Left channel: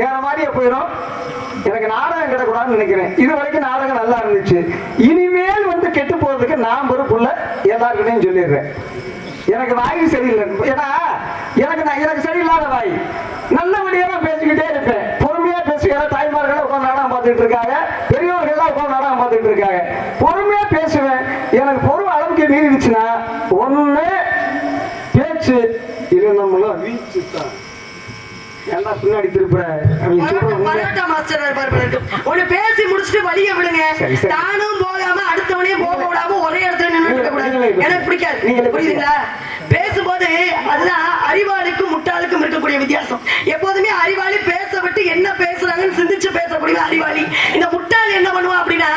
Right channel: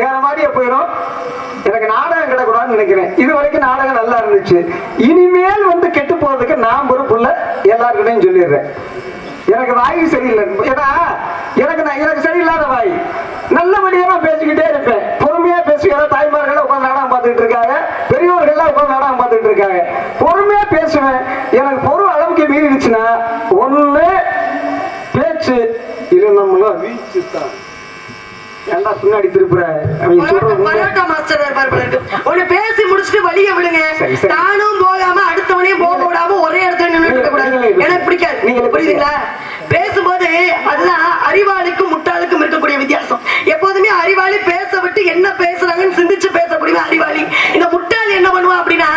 வேற மாதிரியே போயிடும். எனக்கு நாடகம் கிடக்கூடாதுன்னு நினைக்கிறேன். இது வரைக்கும் நாடகம் நல்லா இருந்துச்சு. இனிமேல் வந்து கெட்டு போறதுக்கு நான் பொறுப்புள்ள எல்லாருக்கிட்டையும் சொல்லிடுறேன். எனக்கு வாய் சரியில்லை. ஏன்னா எனக்கு சரியில்லாத வாய். நல்லபடியா நான் பேசிக்கிட்டே இருப்பேன். பொறுமையா பேசுகிறேன். தாய்மார்கள் உட்காந்து நாடகம் பார்த்துட்டு இருக்காங்க, பெரியவர்கள் உட்காந்து நாடகம் பார்த்துட்டு இருக்காங்க. பொறுமையா பேசுவேன். எனக்கு பொருள் அளவுக்கு மீறிடுச்சுன்னா ஒண்ணு பேச்சு இது நம்மள வீச்சு தான். ஏன்டா பின்னாடி திருப்புற? ஒண்ணு பேசி முடிச்சுட்டு வழிய விடுங்க. தானும் போகாம அடுத்தவனையும் போக விடாம ஒரே இடத்துல நின்று இருக்க கூடாது. எனக்கு பிடிக்காது. நீங்க புரியுதுங்களா? பேசும்போது அதுதான் அறிவாளிக்கும் முட்டாளுக்கும் இருக்கக்கூடிய வித்தியாசம். எப்போதுமே அறிவாளி பேச விட்டு என்ன பேசுறாங்கன்னு சிந்திச்சு பேசக்கூடிய அறிவாளி. இந்த முட்டாள் என்ன பண்ணுவான் அப்படின்னா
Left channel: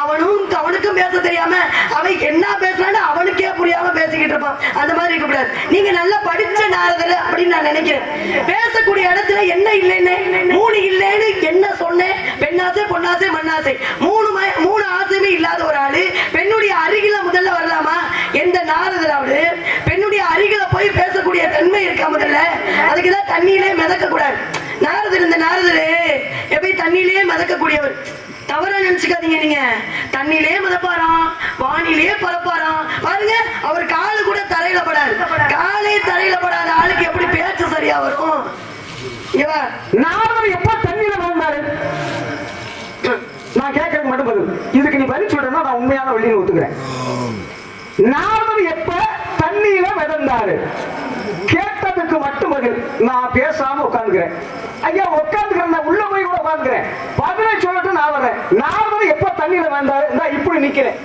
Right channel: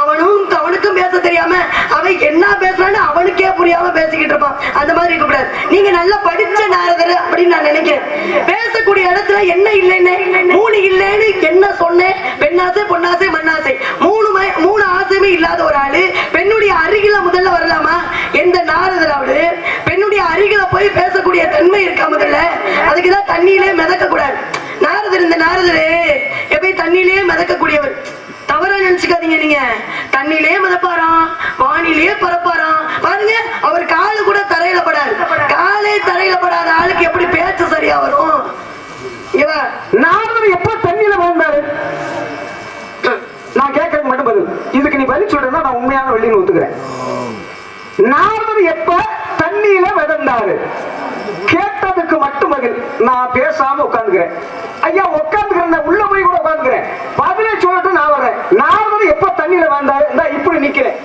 அவனுக்கும் பேச தெரியாம அவன் என்ன பேசுறான்னு அவனுக்கே புரியாம பேசிக்கிட்டு இருப்பான். அந்த மாதிரி இருக்கக்கூடாது. நீங்க நல்லா படிச்ச நாரதர் அப்படின்னு நான் நினைக்கிறேன். பேசக்கூடிய இடத்துல என்ன இல்லைன்னு மூணு இல்லைன்னு என்ன சொன்னேன்? பெண்ணாசை, பொன்னாசை, மண்ணாசை, மூணு ஆசையுமே இல்லாத ஒரு ஆளு பெண்ணுடைய அருகில முதல்ல வரலாமா? எந்த நாரதராவது பெண்ணுடைய அருகில போய் பேசக்கூடிய தன்மை இருக்கா? முதல்ல அதுக்குதான் தண்ணியிலே மிதக்க கூடாது. இந்த நாரதரு எப்பயும் தண்ணியிலே மிதக்கக்கூடியவர். தவறா நினைச்சுக்காதீங்க. நீங்க தண்ணியிலே மிதப்பாராம், வானிலே பரப்பாராம். பாருங்க, அவர் காலு கூட தரையில படாது. காலே தரையில படாத ஆளுக்கு எப்படி பேச்சு சரியா வரும்? நாரதர் எப்ப தண்ணியில வாழ்ந்தாரு? நான் கேட்கறது மட்டும் பதில். இதுக்கு நீ பதில் சொல்றேன்னா நான் உண்மையான வெளியில ஒத்துக்கிறேன். நாரதர் எப்ப தண்ணியில மிதந்தாரு? கேட்டதுக்கு மட்டும் பதில். நான் பேசாம உட்கார்ந்துக்கிறேன். ஐயா உட்கார்ந்துக்கிறேன், உள்ள போய் கூட உட்கார்ந்துக்கிறேன். பதிலே சொல்லட்டும், நான் வரேன். நாரதர் எப்ப தண்ணியில வந்தாரு? நான் இப்படி நிக்கிறேன்.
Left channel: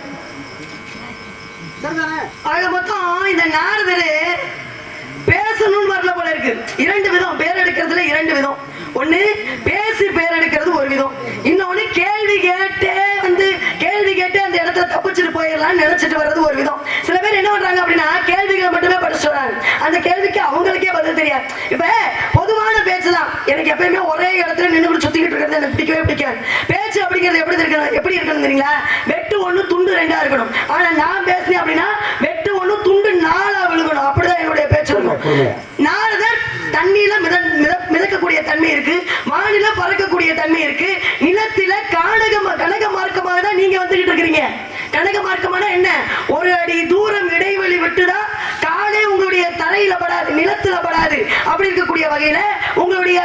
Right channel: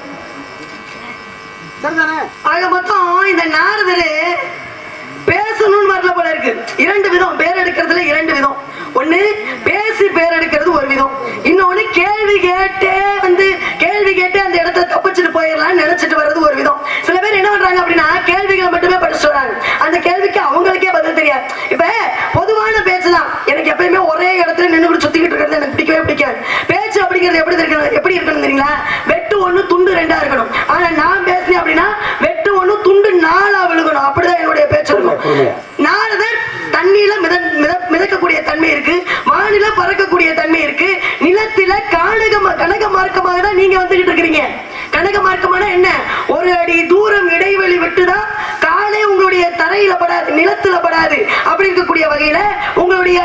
சரிதானே? ஆக மொத்தம் இந்த நாரதரு பேசணும்னு வரல போல இருக்கு. இரண்டு விதம் பேர் எடுக்கிறதுல, இரண்டு விதம். ஒண்ணு பேசி பேர் எடுக்கிறது ஒரு விதம். இன்னொன்னு கேள்வி கேட்டே அந்த இடத்துல தப்பிச்சுட்டு போயிடலாம் நினைச்சிட்டு வர்றது ஒரு விதம். சில பேர் என்ன பண்றாங்க அப்படின்னா கேள்விகளை மட்டுமே படிச்சுட்டு வராங்க. அந்த கேள்விக்கு அவங்களுக்கே பதில் தெரியாது. இப்ப பொதுவான பேச்சுதான். எனக்கு எப்பயுமே ஒரே இடத்துல நின்று சுத்திக்கிட்டு இருக்கிறது எனக்கு பிடிக்கவே பிடிக்காது. பேச்சு அப்படிங்கிறது எப்படி இருக்கணுங்கிறீங்களா? வெட்டு ஒண்ணு துண்டு ரெண்டா இருக்கணும். ஆனா நான் பேசுறேன் அப்படின்னா வெட்டு ஒண்ணு துண்டு நாலா விழுகணும். அப்படிதான் என்னுடைய பேச்சு இருக்கும். நாரதர் தண்ணியில மிதக்கக்கூடிய தன்மை இருக்கு, வானில பறக்கக்கூடிய தன்மை இருக்கு, நிலத்தில கனக மார்க்கமாக தான் நீங்க வந்துகிட்டு இருக்கிறீங்க. கனக மார்க்கமான என்ன? ஒரு அடி தூரம் இடைவெளி விட்டுதான் காலே உங்களுடைய தரையில படாது, நிலத்துல படாது. அப்படி இருக்கக்கூடிய வகையில உங்களுடைய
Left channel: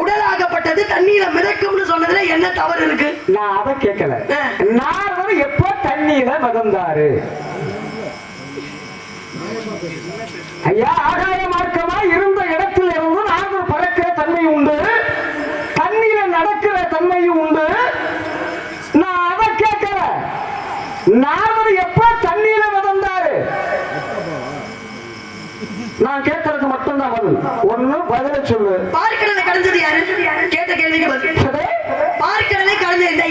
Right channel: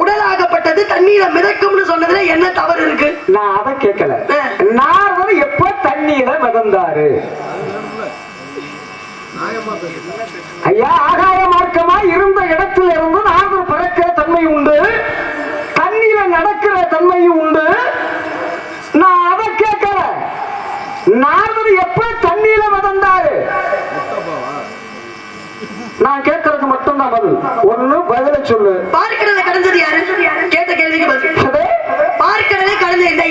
உடலாகப்பட்டது தண்ணீர மிதக்கும்னு சொன்னதுல என்ன தவறு இருக்கு? நான் அதை கேட்கல. நாரதர் எப்ப தண்ணீர மிதந்தாரு? ஐயா, ஆகாய மார்க்கமா இருந்த இடத்துல இருந்து நாரதர் பறக்கிற தன்மை உண்டு, தண்ணீர நடக்கிற தன்மையும் உண்டு. நான் அதை கேட்கல. நாரதர் எப்ப தண்ணீர மிதந்தாரு? நான் கேட்கறதுக்கு மட்டும்தான் பதில். ஒண்ணு பதில சொல்லு. பார்க்கடலை கடந்தது யாரு? கேட்ட கேள்விக்கு பதில். பார்க்கடலை கடந்த இந்த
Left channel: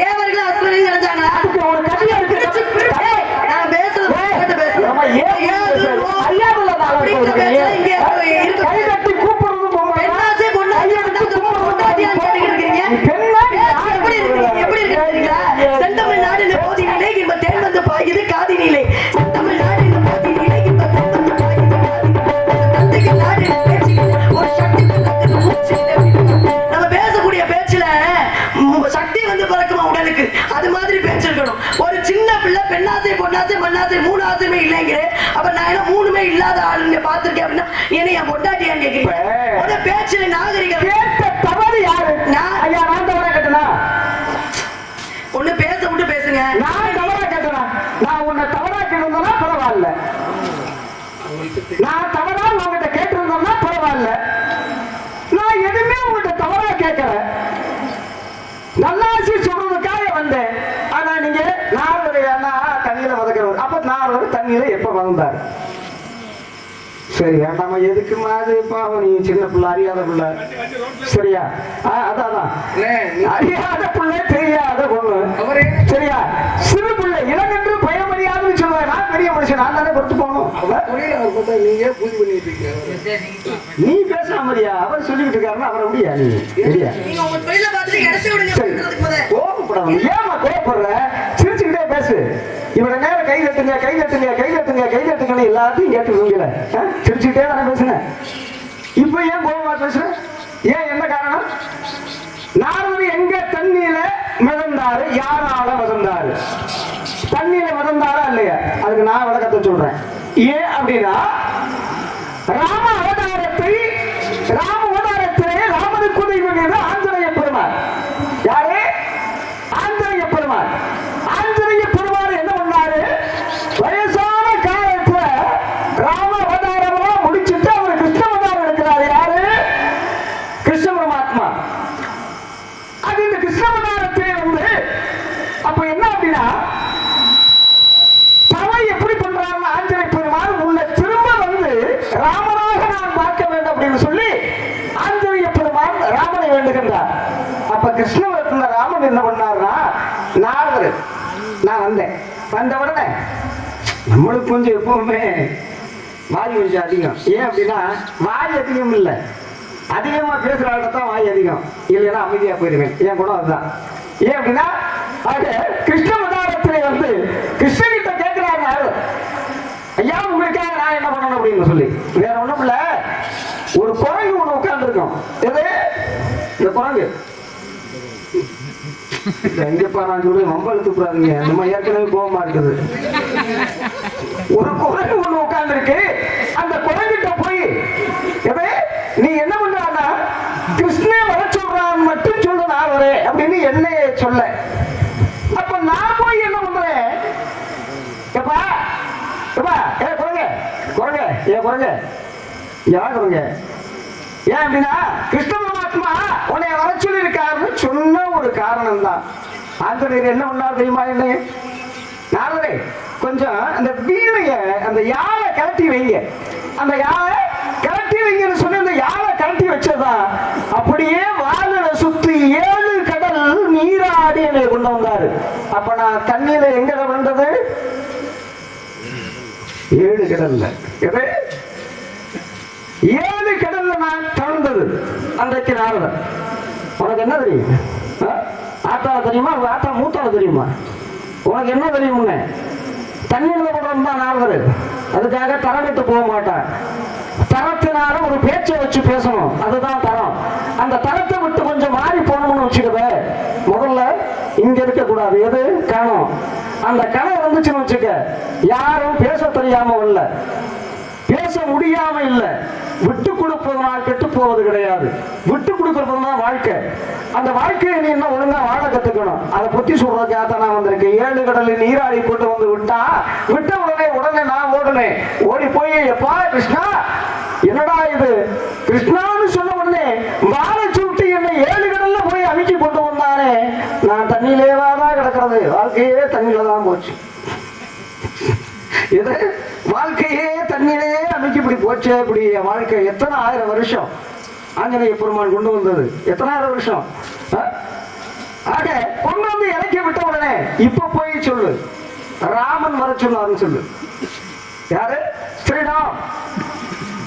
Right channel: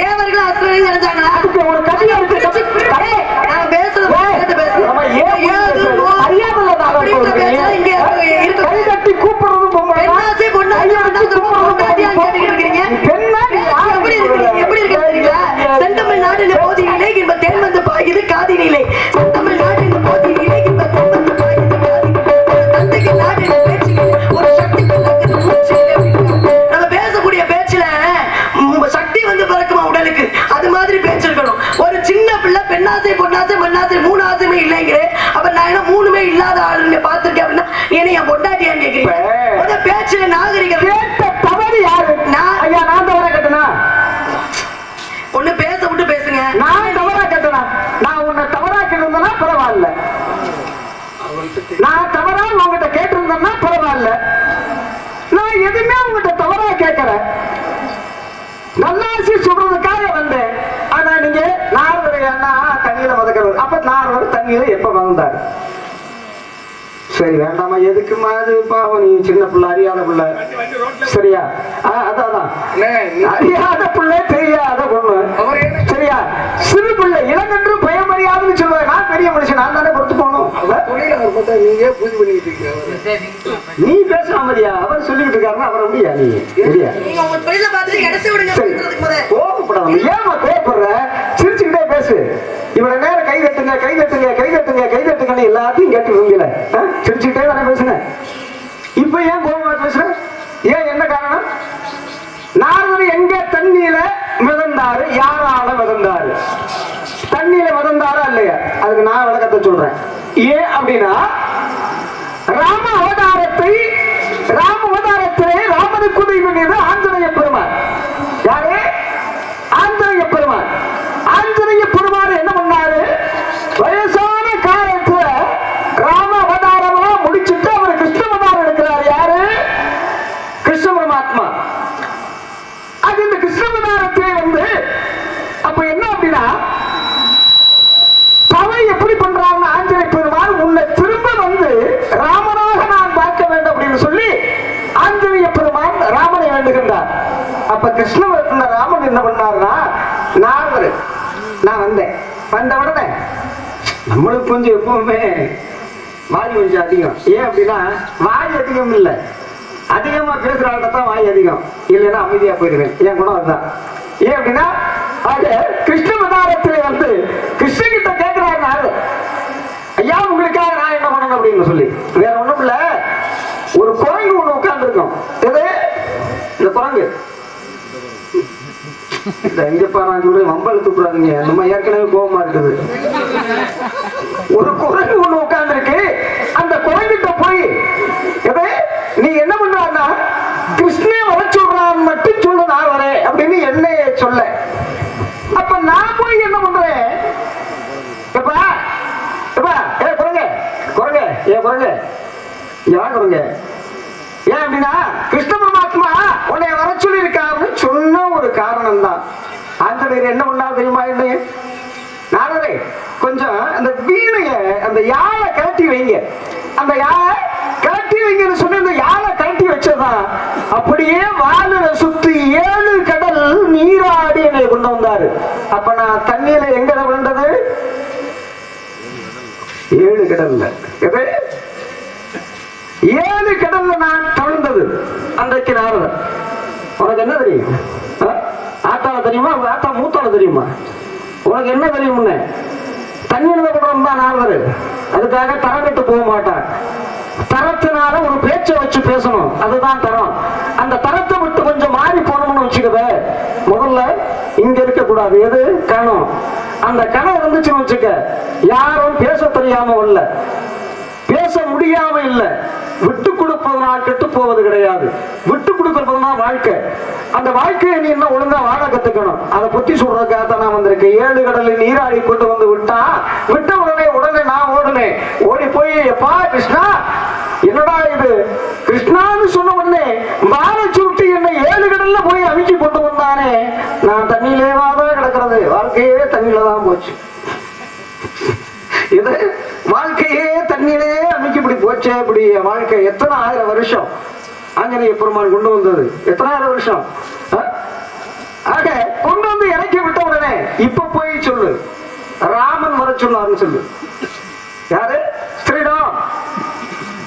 தேவர்களும் அசுரர்களும் நடந்தாங்களா? பொன்னாசை மண்ணாசை மூணு ஆசையுமே இல்லைங்கிற. அப்ப நான் என்ன மூணுமே இல்லாத ஆளுங்க பாத்துருக்கேன் அப்படின்னா என்ன என் பொண்டாட்டியான்னு கேக்குறீங்க? பேச்சுல நாகரிகம். தவறு யாரு? நான் தவறா கேட்டனா? ஒண்ணு பேச விட்டு பேசுங்க. நான் தவறா கேட்டனா? நான் உன்னை தவறா கேட்டிருந்தேன்னா பரவாயில்ல. நான் தவறா உங்ககிட்ட கேட்டிருந்தேன்னா பரவாயில்ல. நான் எதுவுமே உங்ககிட்ட தவறா கேட்கல. நல்லாசி சொல்றதுக்காக வந்தேன். ஆனா நீங்க நாரதரையானா தண்ணியில மதக்கிறது. அப்ப நாரதர் தண்ணியில எப்ப வந்தாரு? சரி வேண்டாமா, எதுக்குமா அது? பாவம், நீ சின்ன பிள்ளை, அறியாத பிள்ளை. சரியா? அதான் அறியாத பிள்ளை, தெரியாத பொண்ணு. சரியா? சிறு பிள்ளை, இளங்கன்று பயமறியாதுன்னு சொல்லுவாங்க. நான் பெரிய மனுஷன், நான் தானே பொறுத்து போகணும். நீ பேசாமதியா? அவர் சொல்லிட்டு இருக்காருன்னா அவரை முடியா? நீ ஏமா கோபப்படுற? சிரிச்சுக்கிட்டே பேசு. இவட நேரம் கை தட்டுங்க, கை தட்டுங்க, கை தட்டுங்க, கை தட்டுங்கன்னு எல்லாத்தையும் கேட்டு விரும்பல. சிரிச்சுக்கிட்டே தானே பேசுனேன். இப்ப ஏன் கோபமா பேசுற? ஏன், என்ன காரணம்? நாரதர் எங்க தண்ணியில மிதந்தாரு? யாரால மிதந்தாரு? தண்ணியில மிதந்தாரா இல்லையா? அதுக்கு நான் விளக்கத்தை சொல்றேன். ஏன் அப்படின்னா, ராம அவதாரத்திலே ராமனுக்கு உதவி பண்ணியது ஆஞ்சநேய பெருமாள். யாரு? ஆஞ்சநேய பெருமாள். ஆஞ்சநேய பெருமாள் என்ன பண்ணாரு? வயசான காலத்துல ராம அவதாரமா முடிச்சுட்டு அவர் கிருஷ்ண அவதாரம் எடுக்கிறாரு. யாரு? கிருஷ்ண பரமாத்மா. அது இந்த கிருஷ்ண அவதாரத்திலே வந்து அப்ப என்ன அப்படின்னா, தவை எப்படி பண்றாங்க? ஆஞ்சநேய பெருமாள் உன்னை திரும்ப வந்து ராமனாக நான் பார்க்க வேண்டும் அப்படின்னு சொல்லி ஆஞ்சநேய பெருமாள் ராமனை வேண்டுகின்றார். அப்ப கிருஷ்ணவரத்துல ராமன் என்ன பண்ணாருன்னா, நாரதர் நான் வந்த உடனே நம்மளுக்கு கொஞ்சம் எப்பவுமே வாய் கொஞ்சம் அதிகம். ஏன் அப்படின்னா, வாய் அதிகம் இல்லை, அதிகமா பேசுற ஆள்தான் வாய் அதிகம், இல்லைன்னா அமைதியா போயிருவேன். என் குணம் அதுதான். ஏன் அப்படின்னா, கிருஷ்ண அவதாரத்திலே வந்து கிருஷ்ணன் கிட்ட கேட்கிறாரு நாரதர், ஐயா உங்களுக்காக நான் என்ன பண்ணணும் அப்படின்னு சொல்லி. வேற ஒண்ணும் இல்ல, ஒரு குரங்கு ஒண்ணு உட்கார்ந்து இருக்கும். எது? இந்த குரங்கு. எங்கப்பா நான் சொல்லி ரொம்ப எழுத்துக்கூடாதீங்க, நம்ம ஏற்கனவே கோபமா இருக்குது. ஒரு குரங்கு ஒண்ணு உட்கார்ந்து இருக்கு. அந்த குரங்கிட்ட போய் எது நீ என்ன பண்றான்னா, கிருஷ்ணன் வர சொல்றான்னு மட்டும் சொல்ல நான் வரேன் அப்படின்னு என்ன சொல்ல. அப்ப நான் போய் என்ன பண்றேன்? எப்பா எப்பா ஏ குரங்க குரங்க ஏ குரங்க யார் குரங்க? ஏன் அப்படின்னா, கிருஷ்ண பரமாத்மா உன்னை வர சொல்லி இருக்காருன்னு சொன்ன ஒரு காரணம் தான். ஆஞ்சநேயர் என்ன பண்ணா தெரியுமா? என்ன நாரதரே, கொஞ்சம் அந்த வீணைய அந்த யாழை கழட்டி வைங்க, அந்த யாழை கழட்டி வைங்கன்னு சொன்ன இந்த யாழை கழட்டி வச்சதா அப்படியே வாலில சுத்தி 7 கடல் நீராடி என்னை கொண்டு வந்தாரு. அப்ப நான் தண்ணியில எங்க விழுந்தது? 7 கடல்ல. 7 கடல்ல நான் தழுந்தது அன்றைக்கு நாரதர். உனக்கு என்ன தெரியும்? ஆத்தால தெரியுமா? உங்க ஆத்தா மூத்தால தெரியுமா? உனக்கு என்ன தெரியும்னு? தண்ணீர் படம் தான் நாரதர். அதுக்காக தரமிட்டு போக மாட்டார். தரத்தினால ஒரு பேச்சை வச்சு பேசணும், அதுதான் தரம். அந்த தரத்தை விட்டு கொஞ்சம் மாறி போனோம்னு வச்சுக்கவே, முதல்ல இங்க இருக்க கூடாது. எது? கணம். அந்த கணம் இருந்துச்சுன்னு வச்சுக்க, யாரும் பேச தெரியாம இல்ல, பேச முடியாம இல்ல, விட்டு கொடுப்பதனால் கெட்டு போவது கிடையாது. விட்டு கொடுக்கறதுனா வாழ்க்கை. அந்த வாழ்க்கையை நீ என்ன ஒழுங்கா வாழ கத்துக்கணும். அதை பத்தி சொல்றதுக்காக தான் நான் வந்திருக்கேன். 7 கடலில் நீராடி கொண்டு வந்து விட்ட உடனே நான் ஓடுனேன். ஓடி போய், எப்பா கிருஷ்ணா, என்னடா இது? கிருஷ்ணான்னு சொன்ன உடனே வாழ சுட்டி என்னை 7 கடல்ல போய் அமுக்கி கொண்டு வந்தானே, நான் தண்ணியிலேவாதான் கிடக்கிறது. வாழ்க்கையே தண்ணியில தான் போச்சு. இது வாழ்க்கையே தண்ணியிலே அமைக்க இப்படி போச்சே. இப்படி வாழ்க்கை எத்தனை 1000 வருஷம் ஆஞ்சநேய பெருமான் கொண்டு வந்தது? எத்தனை 1000 வருஷம்? ஆக கொண்டு வந்து இறக்கி விட்ட உடனே இப்ப போய் சொல்லு, ராமன் வர சொன்னாருன்னு சொல்லு. யாரு? ஸ்ரீராம்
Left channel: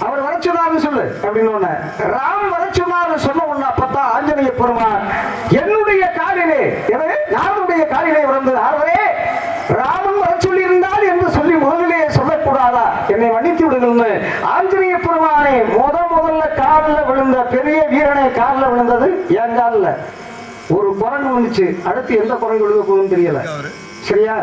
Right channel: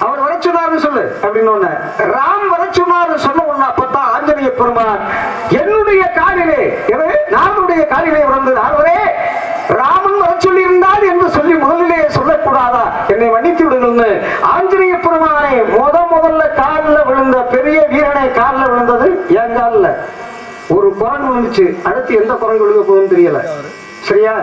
அவர் வர சொன்னாருன்னு சொல்லு அப்படின்னு. ராம் வர சொன்னாரு சொன்ன உடனே அப்பதான் ஆஞ்சநேய பெருமான் என்னுடைய காலிலே, நானுடைய காலிலே விழுந்தது. அவரே ராமன் வர சொல்லி இருந்தால் என்று சொல்லி முதலிலே சொல்லக்கூடாதா? என்னை மன்னித்து விடுங்கன்னு ஆஞ்சநேய பெருமானே முதல்ல காலில் விழுந்த பெரிய வீரனை காலில் விழுந்தது என் காலில். ஒரு குரங்கு வந்துச்சு, அடுத்து எந்த குரங்கு விழுக போகுதுன்னு தெரியல. சரியா?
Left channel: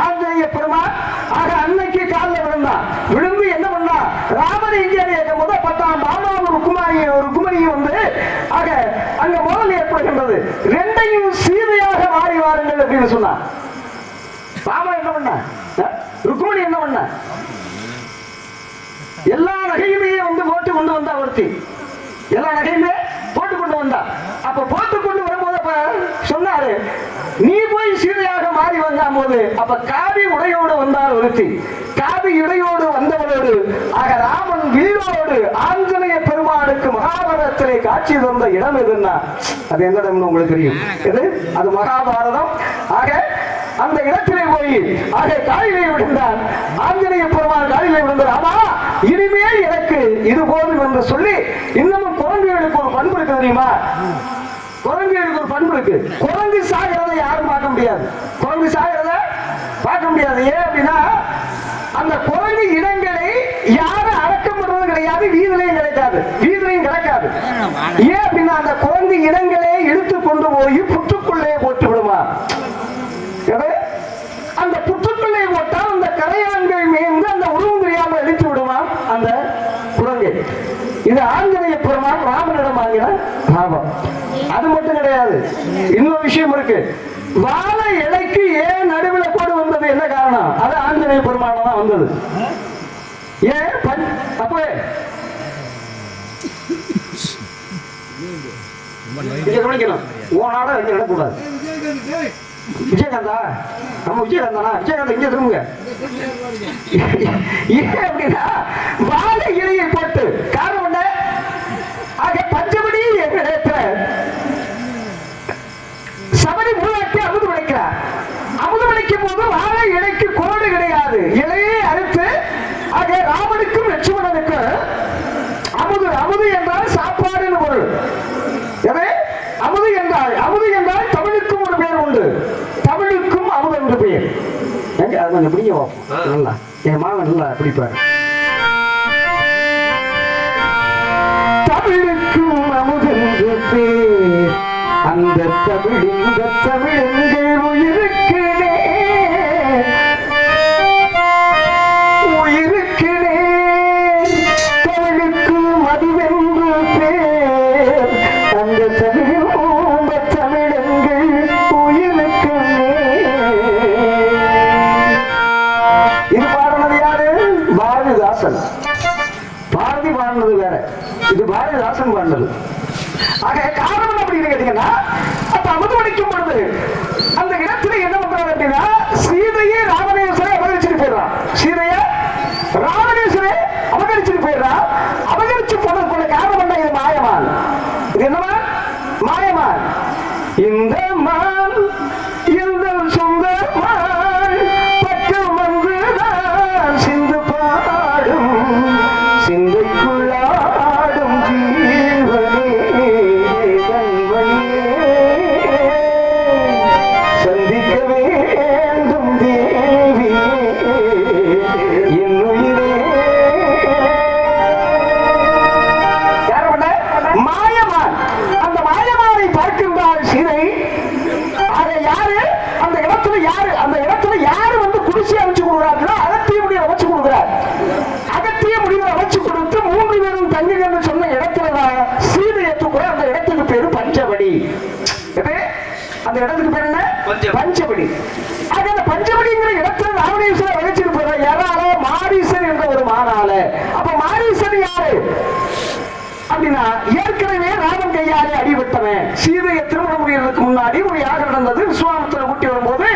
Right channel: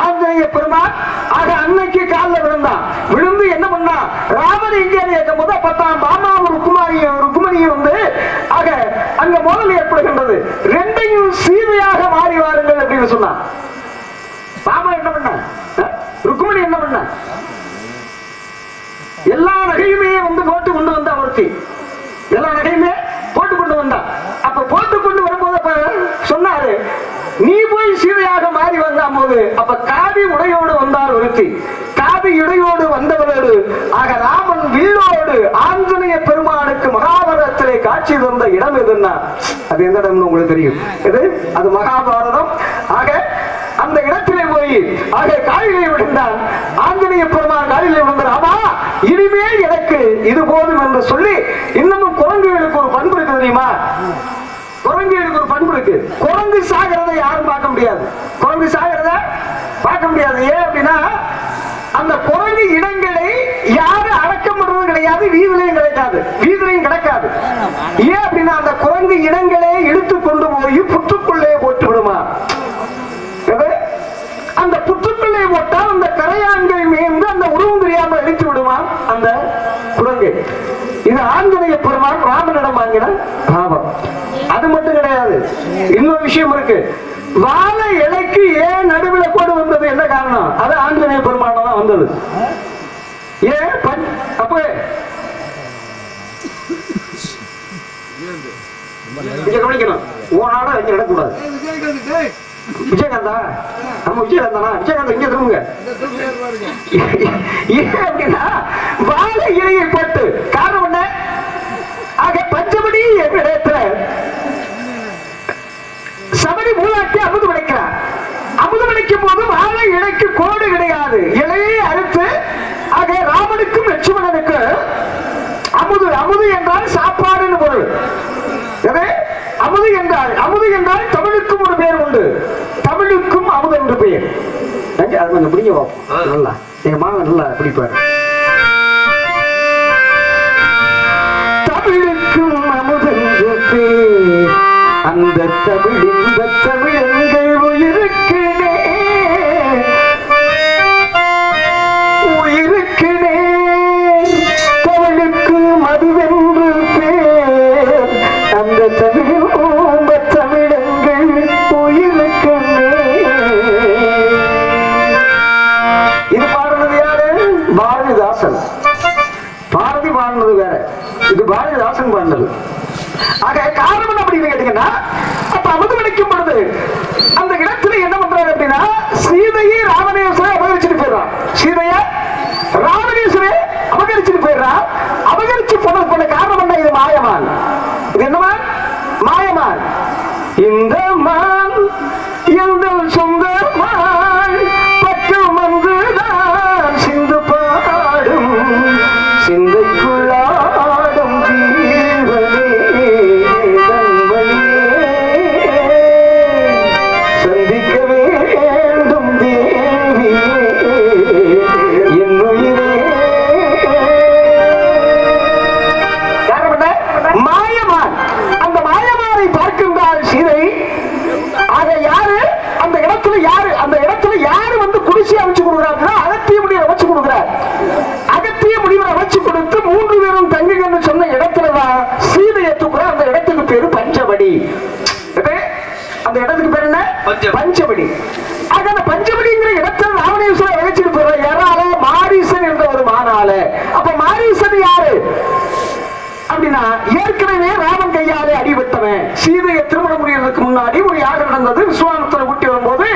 ஆஞ்சநேய பெருமான் ஆக அன்னைக்கு காலில் விழுந்தான். விழுந்து என்ன பண்ணா? ராமன் இங்கே கேட்கும் போது பத்தாம் பாமா ருக்குமணியும் வந்து ஆக அங்க மோதல் ஏற்படுகின்றது. ரெண்டையும் சீதையாக மாறி வாருங்கள் அப்படின்னு சொன்னான். பாமா என்ன பண்ண? ருக்குமணி என்ன பண்ண? எல்லா நகையுமே வந்து போட்டு கொண்டு வந்தா ஒருத்தி. எல்லா நகையுமே போட்டு கொண்டு வந்தா. அப்ப போட்டு கொண்டு வரும்போது அப்ப சொன்னாரு, நீ போய் சீதையாக மாறி வந்தா போது அப்ப காவி உடையோடு வந்தார் ஒருத்தி. காவி உடையோடு வந்தவரோடு ஆக ராமன் வில்லோடு ஆஞ்சநேய பெருமானுக்கு மகாபாரதத்திலே காட்சி தந்த இடம் எதுன்னா, அது எந்த இடம்னு உங்களுக்கு தெரியும். எது? அது மகாபாரதம். ஆக அந்த இடத்திலே போய் ஆக காலிலே விழுந்தான். ஆஞ்சநேய பெருமான் காலிலே விழுந்தார். ஆமா, இனிமேல் எனக்கு இது போதும் என்று சொல்லி, இன்னமும் குரங்குகளுக்கு ஒரு பண்பு இருக்கு தெரியுமா? குரங்குகளுக்கு ஒரு பண்பு இருக்கு. குரங்கு சாகிறத யாரும் பார்க்க முடியாது. குரங்கு சாகிறத பார்க்க முடியாது. ஏன் அப்படின்னா, அந்த குரங்கு இடங்களை இது ஆஞ்சநேய பெருமான் ராமனிடம் வாங்கின லாபம். அது மட்டும் கிடையாது, இன்னொரு விஷயம் இருக்கு. வாழை இலைக்கு ஏன் நடுவில் கோடு வந்தது, என்ன காரணம்? அது ஆஞ்சநேய பெருமான் தான் வந்தது. ஏன் அப்ப கவனிக்கணும், ஓனாட வச்சு நடக்கூடாது. விஜயகாந்தா, நம்ம விஜயகாந்தனா? விஜயகாந்தா இங்க திரும்புங்க. ஏன் அப்படின்னா வாழை இலையை போட்டு காரணம் என்ன? ஆக பஞ்சபடி இடத்துல சபரி மூலாக்கி அமுது விளைக்கிறார். அமுது விளைக்கும் போது வாழை இலைக்கு கோடு கிடையாது, இலையை அறுத்து ஆக ராமனுக்கும் லட்சுமணனுக்கு அமுது. அமுது என்றால் சாப்பாடுன்னு பொருள். அமுது என்றால் தமிழுக்கும் ஒரு பெயர் உண்டு. தமிழுக்கும் அமுது என்று பெயர். அது கொஞ்சம் பிடிங்க நல்லா, எங்க மாமன் நல்லா பிடிப்பாரு. தமிழுக்கும் அமுது என்று பெயர், அந்த தமிழ் இந்த தமிழங்கள் உயிருக்கு உயிருக்கு தமிழுக்கும் மதுவென்று பேர், அந்த தமிழ் தமிழங்கள் உயிருக்கு. இது பாடினது யாரு? பாரதிதாசன். பாரதி பாடினது வேற, இது பாரதிதாசன் பாடினது. ஆக காரணம் அப்படின்னு கேட்டீங்கன்னா, அப்ப அமுது வடிக்கும் பொழுது அந்த இடத்துல என்ன பண்றாரு அப்படின்னா, சீதையை ராவணேஸ்வரை அபகரிச்சுட்டு போயிடுறான். சீதையை ராவணேஸ்வரை அபகரிச்சுட்டு போயிடுறான். அபகரிச்சு போன காரணம் என்ன? இது மாயமான். இது என்னமா? மாயமான். இந்த மான் எங்கள் சொந்த மான், பக்கம் வந்துதான் சிந்து பாடும், சிந்தைக்குள்ளாடும் ஜீவனே சந்திக்க வேண்டும் தேவியே என் உயிரே. மாயமான். அந்த மாயமானை பார்க்கின்றாள் சீதை. ஆக யாரு அந்த இடத்துல? யாரு அந்த இடத்துல? யாரு வந்து குடிசை அமைச்சு கொடுக்குறாருன்னா அகத்திய முடிவை அமைச்சு கொடுக்குறார். அகத்திய முடிவை அமைச்சு கொடுத்து 3 பேரும் தங்குங்கன்னு சொன்ன இடத்துலதான் சீதையை தூக்குற. அந்த இடத்துக்கு பேரு பஞ்சவடி. அந்த இடத்துக்கு பேர் என்ன? பஞ்சவடி. ஆக அந்த பஞ்சவடிங்கிற இடத்துல ராவணேஸ்வரர் வகிச்சுட்டு போற யாரால? மாரீசன் என்ற ஒரு மானால. அப்ப மாரீசன் யாரு அப்படின்னா, ஏற்கனவே ராமன் கையாலே அடிபட்டவன். சீதையை திருமணம் முடியறதுக்கு முன்னாடி ஒரு யாகம் நடந்தது. விஸ்வாமித்திர ஊட்டி வரும்போது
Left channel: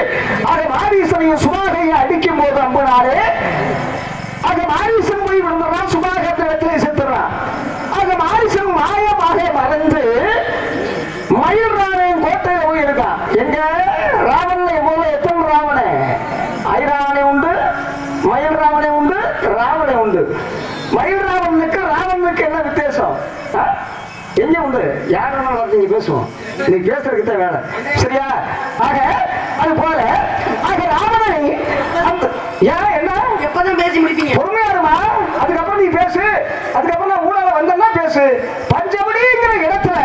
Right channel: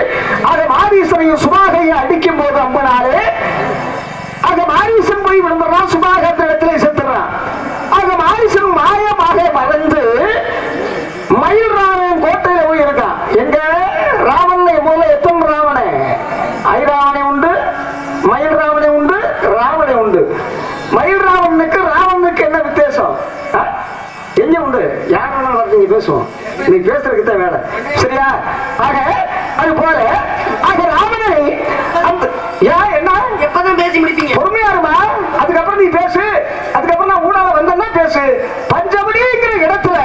ஆக மாரீசனையும் சுபாகையை அடிக்கும் போது அம்பனாலே ஆக மாரீசன் போய் விழுந்துறான். சுபாக இடத்துல செத்துறான். ஆக மாரீசன் மாயமாக மறைந்து மயில் ராவணன் கோட்டையில போய் இருக்கான். எங்க ராவணனை முதல்ல எத்தனை ராவணே? ஐராவணை உண்டு, மயில் ராவணை உண்டு, ராவணை உண்டு. மயில் ராவணனுக்கு ராவணனுக்கு என்ன வித்தியாசம்? எங்க உண்டு? யார் வேணாலும் நீங்க பேசுவோம், நீ பேசுறதுக்கு தான் வேலை, சரியா? ஆக அது போல ஆக ராவணனை அந்த ஏன் என்ன எப்பதான் பேசி முடிப்பீங்க? பொறுமையா இருமா, அதுக்கப்புறம் நீ பேசு. அதுக்கப்புறம் நான் ஊடால வந்தேன்னா பேசு. பஞ்சவடிங்கிற இடத்துல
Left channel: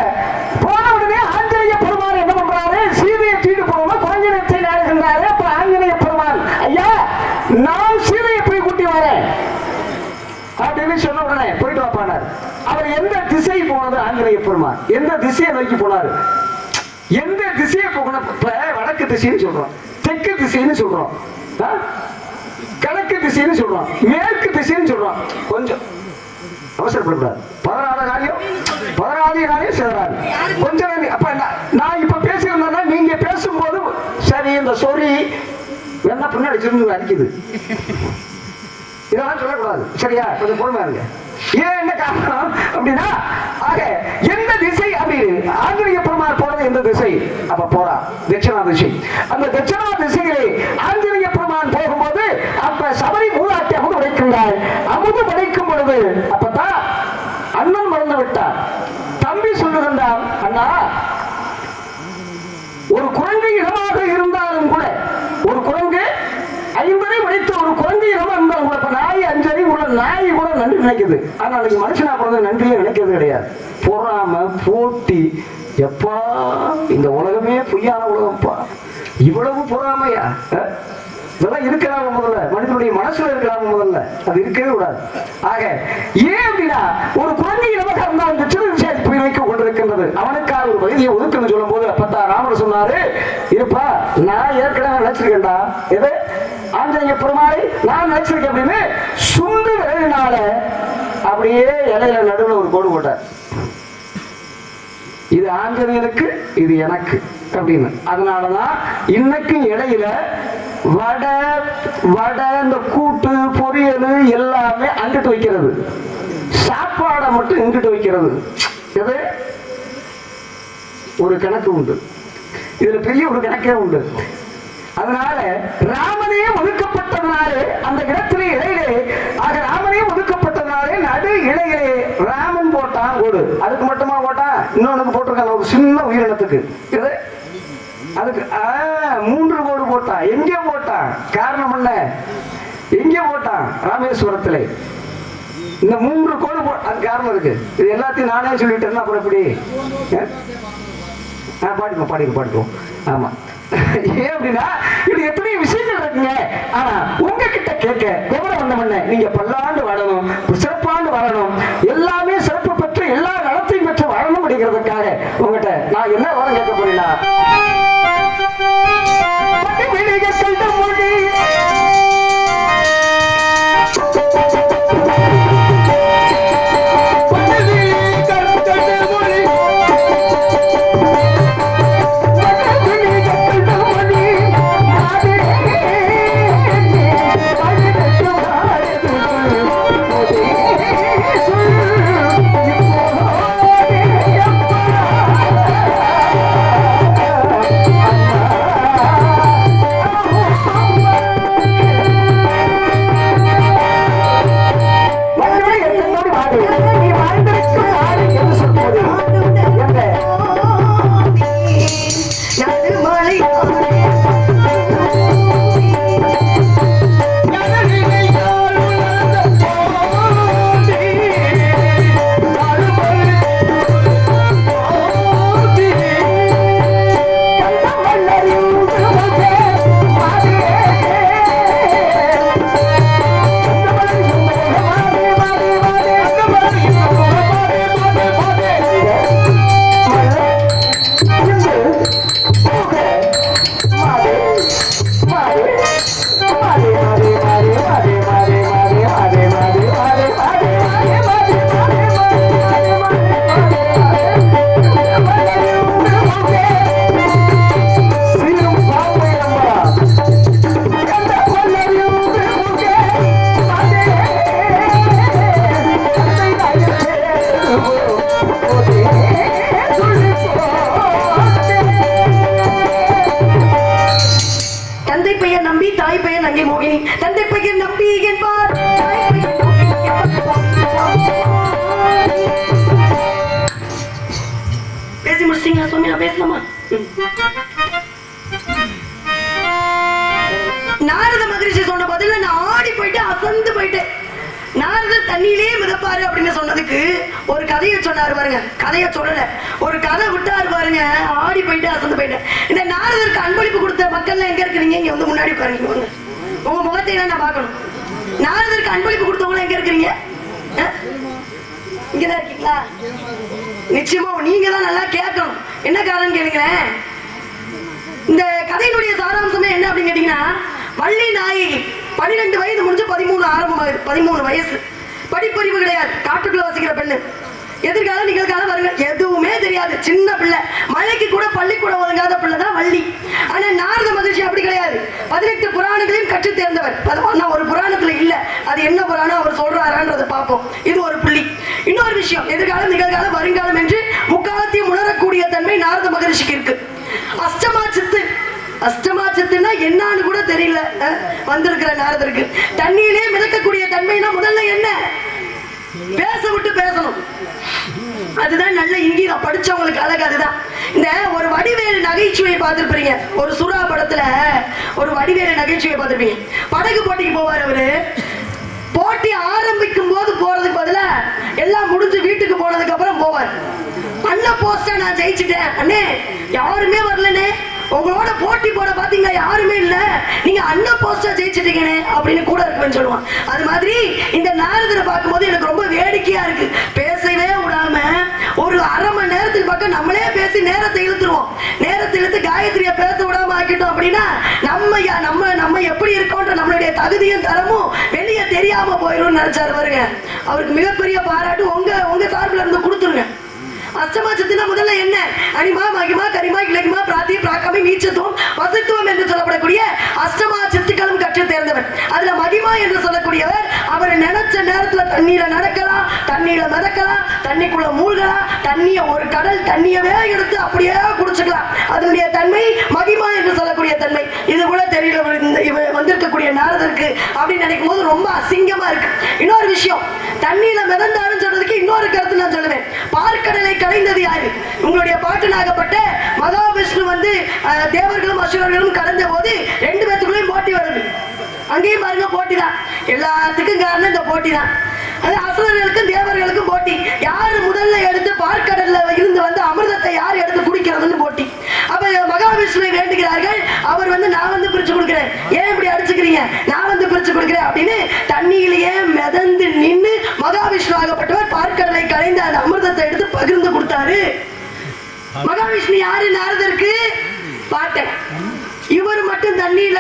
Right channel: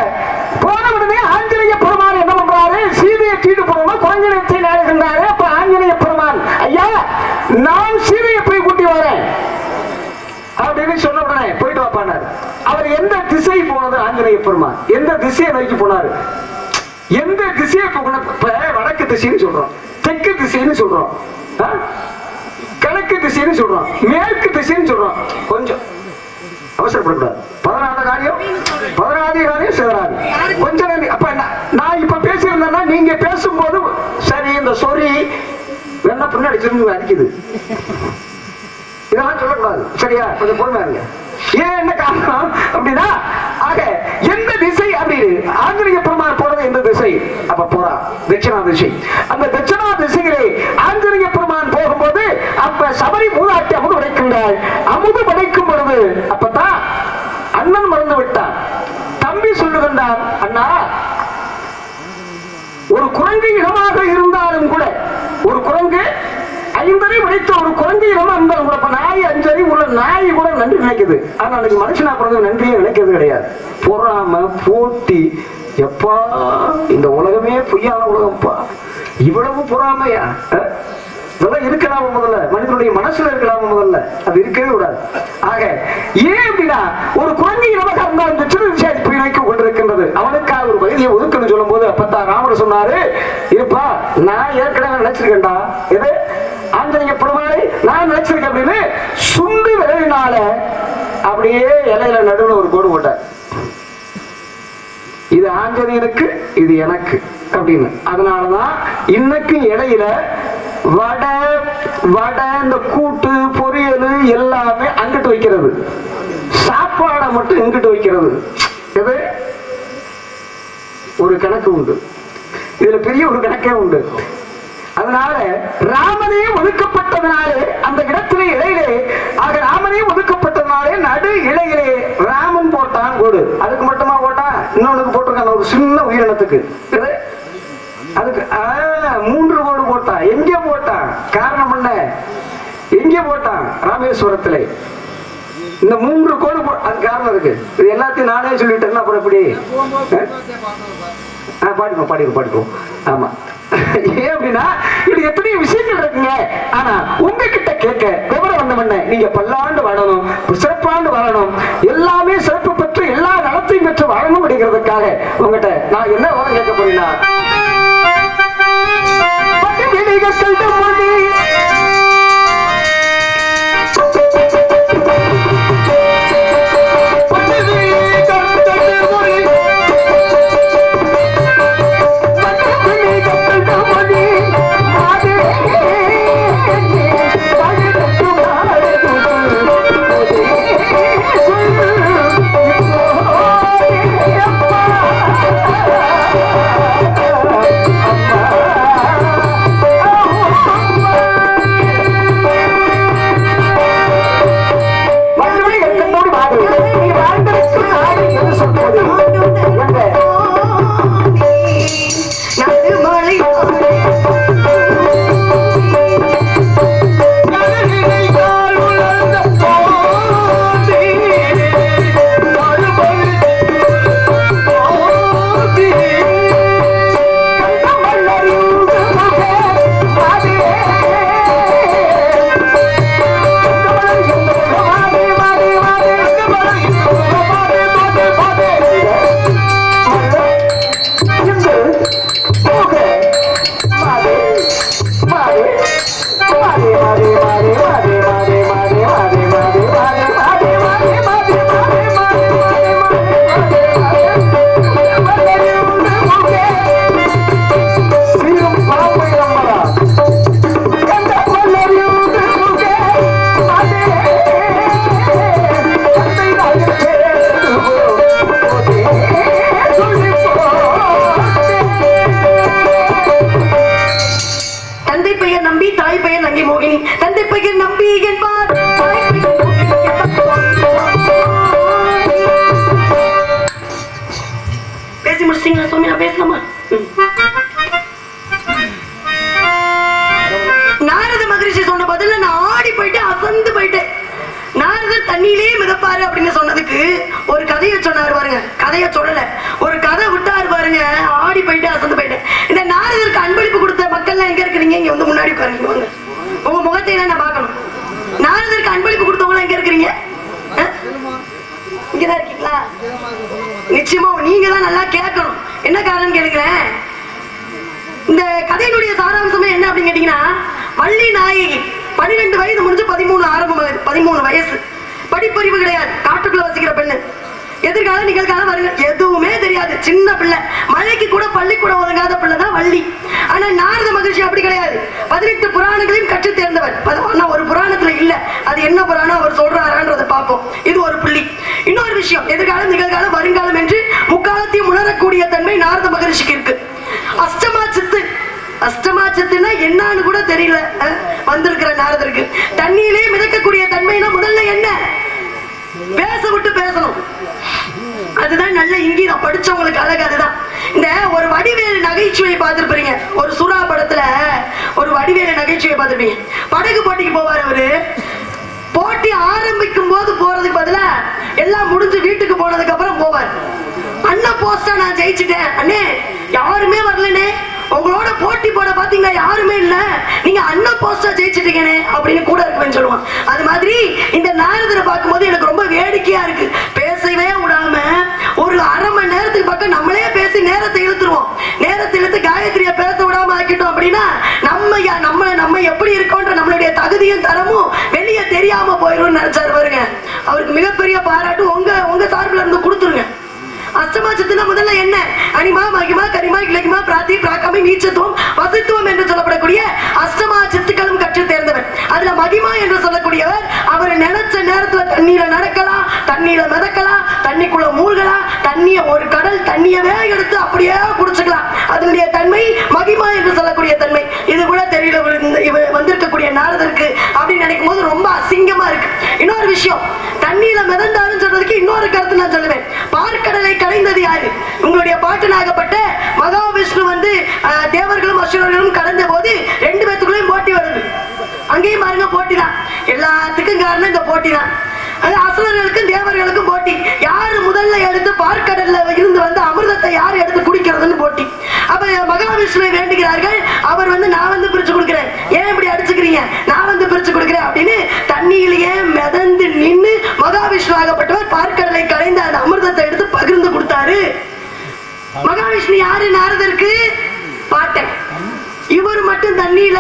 போன உடனே ஆஞ்சநேய பெருமான் என்ன பண்றாரு? சீதையை தீட்டு போகணும், குரங்கிடத்தை நேருகின்றாரு. அப்ப ஆஞ்சநேய பெருமான், ஐயா நான் சீதையை போய் கூட்டி வரேன் அப்படின்னு சொன்ன உடனே போயிட்டு வாப்பானார். அவர் எந்த திசை போனது? ஆஞ்சநேய பெருமான் எந்த திசையை நோக்கி போனாரு? எந்த திசையை போகணும்? இப்ப வடக்கு திசைன்னு சொல்றோம், தெற்கு திசைன்னு சொல்றோம், கிழக்கு திசைன்னு சொல்றோம், மேற்கு திசைன்னு சொல்றோம். கொஞ்சம் அவசரப்படக்கூடாது. 14 காரியம் சிவராது. கொஞ்சம் அப்ப நான் இப்ப பேசியிருந்தேன்னா நீங்க பேசும்போது சரி இந்த சொறி வேணா பின்னாடி திரும்பி அடிக்குது, இதெல்லாம் சொல்லக்கூடாது, சரியா? கொஞ்சம் பொறுமையா இருங்க. ஏன் என்ன காரணம் அப்படின்னா, ஆக எந்த திசை அப்படின்னு ஆஞ்சநேய பெருமான் போறது எந்த திசை? அப்ப போறா தட்சிணா திசை. அந்த தட்சிணா திசையிலே ஆஞ்சநேய பெருமான் போகும்போது அப்ப சபரி மூதாட்டி அமுது படைக்கின்றாள். அமுது படைக்கும் பொழுது அப்பதான் அண்ணன் மறந்து விட்டார். தம்பி சொல்லுகின்றார், அண்ணா ஒரு குரங்கு இடமாக இருந்தாலும் கூட, ஒரு குரங்கு 5 அறிவு படைத்த ஒரு குரங்கு இடம் இருந்தாலும் கூட, இப்ப நாய் 5 அறிவு உள்ள நாய் கூட நன்றி நினைக்குது. ஆனா அன்னைக்கு மனுஷனா பிறந்த நன்றியே நினைக்கிறது கிடையாது. பொறாம போட்டி, எப்பா இந்த உலகமே பொய்யான உலகம்ப்பா, இவ்வளவு பொறாமையா? இதெல்லாம் இருக்கலாம முதல்ல, மனிதனுடைய மனசுல இருக்கலாம முதல்ல, அது இருக்கவே கூடாது. ஆக ஏன் அப்படின்னா ஒரு குழந்தை நமக்கு அந்த சிறு விஷயத்தை வைக்க கொண்டிருக்கின்றது, அவனுக்காக ஒரு பகுதியை ஒதுக்கணும் சொல்லும் போது அப்பத்தான் ராமர் சொன்னாரு, இருப்பா நான் ஏற்கனவே நினைச்சிருக்கேன்டா, எது ஆஞ்சநேய பெருமாளை நான் நினைச்சிருக்கேன் அப்படின்னு சுண்டு விரைவினால அப்படியே இலையில நடுவில் ஒரு கோடு போட்டார். இது ஆஞ்சநேயனுக்கு, இது எனக்கு அப்படின்னு. அதனாலதான் இன்னைக்கும் இடையில வடை வடை இந்த கூட்டு பொரியல் எல்லாமே அங்கிட்டு வைக்கிறது, சாப்பாடை மட்டும் இங்கிட்டு வைக்கிறது. இது ஒரு கணக்கு உண்டு, இதுல பெரிய ஒரு கணக்கே உண்டு. அதனால ராமனே ஒதுக்கப்பட்டதுனாலே அந்த இடத்திலே இலையிலே, ஆக ராமனே ஒதுக்கப்பட்டதுனாலே நடு இலையிலே ராமன் போட்டான் கோடு. அதுக்கு மட்டுமா போட்டான், இன்னொன்னுக்கு போட்டிருக்காங்க ஒரு சின்ன உயிரினத்துக்கு, அதுக்கு 3 கோடு போட்டான். எங்க போட்டான், காரணம் என்ன, எங்க போட்டான், ராமேஸ்வரத்திலே இந்த 3 கோடு அது காரணம் இருக்கு. இது எல்லாத்தையும் நானே சொல்லிட்டேன்னா அப்புறம் எப்படி பாடிக்கோ. ஆமா, ஏன் அப்படின்னா இது எத்தனை விஷயங்கள் இருக்குங்க. ஆனா உங்ககிட்ட கேட்க விவரம் வந்தவண்ண நீங்க பல்லாண்டு வாழணும், சிறப்பாண்டு வாழணும், எல்லாமே சிறப்பு பெற்று எல்லா நலத்தையும் பெற்று வாழணும் அப்படிங்கிறதுக்காக உங்ககிட்ட நான் என்ன விவரம் கேட்க போறீங்களா, நாரத மகரிஷி சொன்ன பதில நான் ஆடி போயிட்டு அசந்து போயிட்டேன். நாரதர் தண்ணியிலே மிதப்பாரு அப்படின்னு சொன்னதுக்கு ஒரு கதையை சொன்னாரு பாருங்க, கதையை சொல்லல, ஒரு கதை விட்டாரு பாருங்க, ஆடி போயிட்டு அசந்து போயிட்டேன். இந்த நாரதருக்கு அன்பளிப்பு கொடுத்த மக்கள் எங்க இருக்கிறீங்க, இங்க வந்து முன்னாடி உட்காருங்க, வாங்க, உங்க முகத்தை நான் பார்க்கணும். நாரதருக்கு அன்பளிப்பு கொடுத்தவங்க எங்க இருக்கிறீங்க, இங்கதான் இருக்கீங்களா? நிச்சயமா நீங்க தான் நல்லா கேட்கணும். என்ன காரணம் கேளுங்களேன். இந்த கதையினுடைய சாராம்சமே என்ன அப்படின்னு கேட்டீங்கன்னா, வள்ளி நாயகி 12 வயது முடிஞ்சு 13 ஆரம்பமாகுது. 13 வயசு, படிப்பறிவு கிடையாது, காட்டுக்குள்ள வசிக்கிற பெண்ணு, எதிர்கால நிகழ்காலம் வருங்க எதுவுமே தெரியாது, சின்ன பிள்ளை, மழைக்கு கூட பள்ளிக்கூடம் ஒதுங்காத பிள்ளை தான் வள்ளி. ஆனா நாரத மகரிஷி அப்படி கிடையாது, 18 புராணங்களையும் கற்று தேர்ந்தவர். ஆனா ஒரு புராணத்துல இல்ல, அது என்ன புராணம் அவர் சொல்றாரான்றதை பார்ப்போம். இது ஒரு புள்ளி. இன்னொரு விஷயம், எதிர்காலம் நிகழ்காலம் வருங்காலம் என்று முக்காலத்தையும் உணரக்கூடிய தன்மை நாரத மகரிஷிக்கு இருக்கு. அஷ்டமா சித்து, அஷ்டமா சித்துன்னா என்னன்னு கூட தெரியல வந்திருக்கிற நாரதருக்கு. தண்ணியிலே மிதக்கக்கூடிய தன்மைனா முதல்ல என்ன, பேச விட்டு பேசணும், அதுதான் நல்ல இங்கீதம், படிச்சவங்களுக்கு அழகு அதுதான். இந்த ஒரு வடிவேலு நகைச்சுவையை பார்த்திருப்பீங்க, ஒரு சுறா படத்துல ஒரு வடிவேலு நகைச்சுவையை பார்த்திருப்பீங்க. படகு போட்டிக்கு போவார் அவரு, போட்டி ஆரம்பிக்கும் போது போறதுக்கு பதிலா எல்லாம் முடிஞ்சு வீட்டுக்கு போனதுக்கு அப்புறம் போவார். அண்ணன் போஸ்டா நான் ஜெயிச்சுட்டேன், அண்ணே யாருமே வரலனே, உங்களோட போட்டி போட பாத்தீங்கன்னா யாருமே இல்ல, நீங்க அண்ணன் போஸ்டா ஜெயிச்சிட்டீங்கன்னு அப்படின்னு கூட இருக்குன்னு சொல்லுவான். அது மாதிரி இந்த நாரதரை பார்க்கும்போது எனக்கு ரொம்ப வேடிக்கையா இருக்கு. பேசவே விடாம ஒரு அரை மணி நேரத்துக்கு பக்கம் நம்மளே பேசி நேரத்தை இழுத்துருவோம். நேரத்தை இழுத்து காயத்ரியை பேச விடாம ஆக்கிட்டோம் அப்படின்னா நம்ம எப்படி இருக்கோன்ற நம்மளுடைய தகுதியும் தரமும் வெளியே தெரியாம போயிடும் நினைச்சாரு பாருங்க. அவருக்கு மிகப்பெரிய பாராட்டு உங்க சார்பில் இருந்து கொடுத்துருங்க. அஷ்டமா சித்துனா முதல்ல என்ன? அனிமா, மகிமா, கரிமா, இலகிமா, பிராத்தி, பிராக்கமை, நீச்சத்துவம், வசித்துவம் என்று சொல்லப்படக்கூடிய அஷ்டமா சித்துக்களும் கற்று தேர்ந்தவர். அதுல மகிமா என்று சொல்லக்கூடியவர் அவர் நினைச்ச நேரத்துல தண்ணீர நடக்கலாம், தண்ணீர மிதக்கலாம், தண்ணிக்குள்ள மூழ்கலாம், தண்ணிய ஒரு கடல் தண்ணியவே எடுத்து அப்படியே குடிச்சுக்கலாம். அதனுடைய தன்மை மகிமா என்று சொல்லக்கூடிய தன்மை. இது கூட தெரியல வந்திருக்கக்கூடிய நாரதருக்கு அப்படின்னு நினைக்கும் போது ரொம்ப அசிங்கமா இருக்கு. இன்னொரு விஷயம், தண்ணியில மிதந்தாருன்னு சொல்றதுக்கு இன்னொரு கருத்து நான் சொல்லுவேன். பார்க்கடலை கடைந்தது யாரு? உங்களுடைய பாட்டனாகப்பட்ட மகாவிஷ்ணு வந்து தேவர்களும் அசுரர்களும் கடந்த போது ரெண்டு பேத்துக்குள்ளேயும் போட்டி வருது. அங்கேயும் பாருங்க போட்டி தான். எல்லாத்துக்கும் காரணம் இந்த போட்டி தான். அது அசுரர்களுக்கும் தேவர்களுக்கும் போட்டி. யாரு முதல்ல எடுத்து பார்க்கடல்ல இருந்து வந்து அமிர்தத்தை யார் எடுத்து குடிக்கிறதுன்னு போட்டி. அப்ப மகாவிஷ்ணுவை வேண்டுகிறார்கள். அவர் வந்து நான் வந்து பிரிச்சு கொடுக்கிறேன், ஏன் இப்படி அடிச்சுக்கிறீங்க, நான் வந்து பிரிச்சு கொடுக்கிறேன் அப்படின்னு தண்ணியிலேயே மிதந்து நின்று மகாவிஷ்ணு ஆகப்பட்டவர் பார்க்கடலை கலைந்து அந்த அமிர்தத்தை எடுத்து பகிர்ந்து கொடுத்தாரு. மகாவிஷ்ணு யாரு? நாரதருக்கு பாட்டன். இவர் மட்டும் தண்ணியில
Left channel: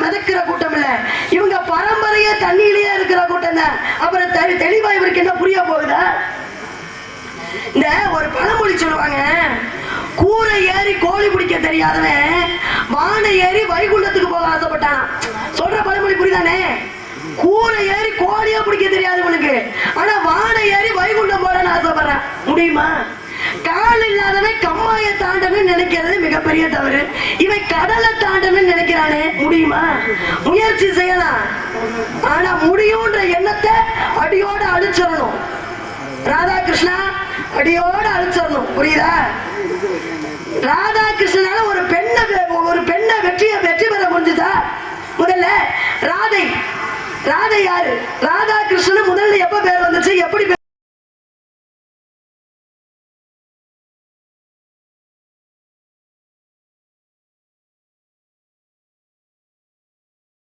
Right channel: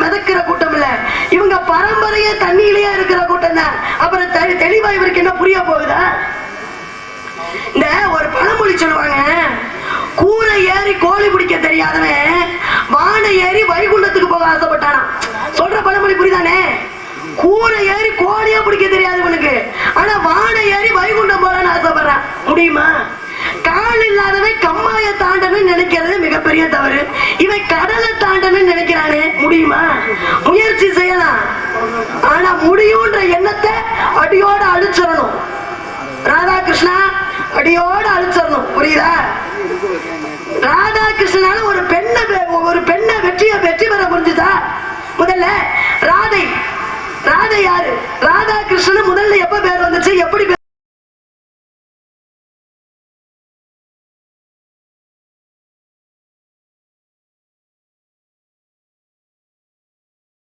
மிதக்கிற கூட்டம் இல்ல, இவங்க பரம்பரையே தண்ணியிலேயே இருக்கிற கூட்டம் தான். அப்புறம் தெளிவா இவருக்கு என்ன புரிய போகுதா? இந்த ஒரு பழமொழி சொல்லுவாங்க, கூரை ஏறி கோழி பிடிக்க தெரியாதவன் வானை ஏறி வைகுண்டத்துக்கு போக ஆசைப்பட்டானா. சொல்ற பழமொழி புரியுதானே? கூரை ஏறி கோழியா பிடிக்க தெரியாதவனுக்கு ஆனா வானை ஏறி வைகுண்டம் போலன்னு ஆசைப்படுறான். முடியுமா? கால் இல்லாதவன் கம்மாய தாண்டன்னு நினைக்கிறது மிகப்பெரிய தவறு. இவன் கடலை தாண்டன்னு நினைக்கிறானே, முடியுமா? முயற்சி செய்யலாம், ஆனா முடியும்ன்ற எண்ணத்தை அடியோட அழிச்சிடணும். ராதாகிருஷ்ணா அடியோட அழிச்சிடணும். புரியுதா? ராதாகிருஷ்ணனால ஒரு பெண்ணை வெற்றி பெற முடிஞ்சுதா? முதல்ல ராதை யாரு? ராதாகிருஷ்ணன் முதல்ல எப்ப பேர் வந்துச்சு, எப்படி